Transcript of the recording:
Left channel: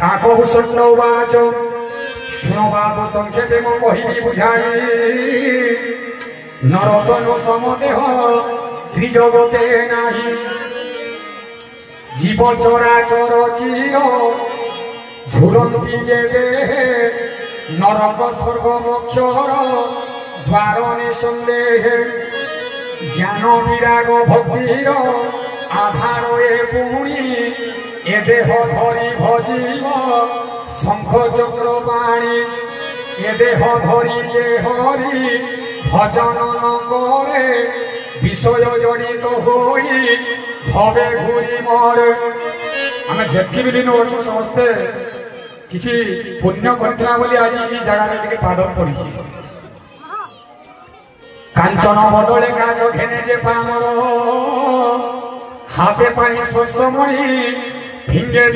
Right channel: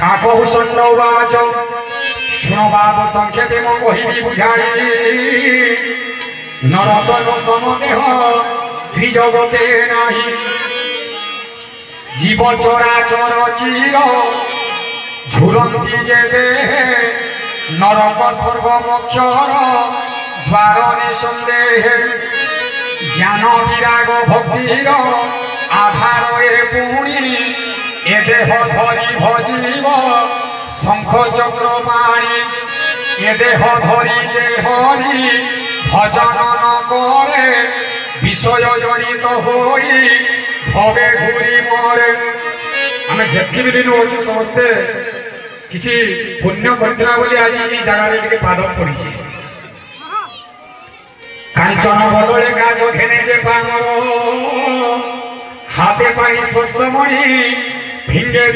काकभूषण उवाच शुण बाब संक्षेपे मो कहिबि बुझाई नरतन समदेह त्रिजगते नाही जीव चराचर चिर झुलंती जे देहे नरक स्वर्ग मोक्षर द्वार निसंदेह ज्ञान विराग भक्तिर आधार ए पुणी ए देह धरी भजीव शंख चक्र पाणी ए देह धरी जे हरि भजन न करे विषय जनित होई भवे घूरी मरे आम जेति दिन अच्छु समस्ते किसी पुण्य करथिला बोली आज ई जगह रे पाद पड़ी कांचन बदले गाछ घेने जे पामर हाथे पाई स्पर्शमणि भिंगे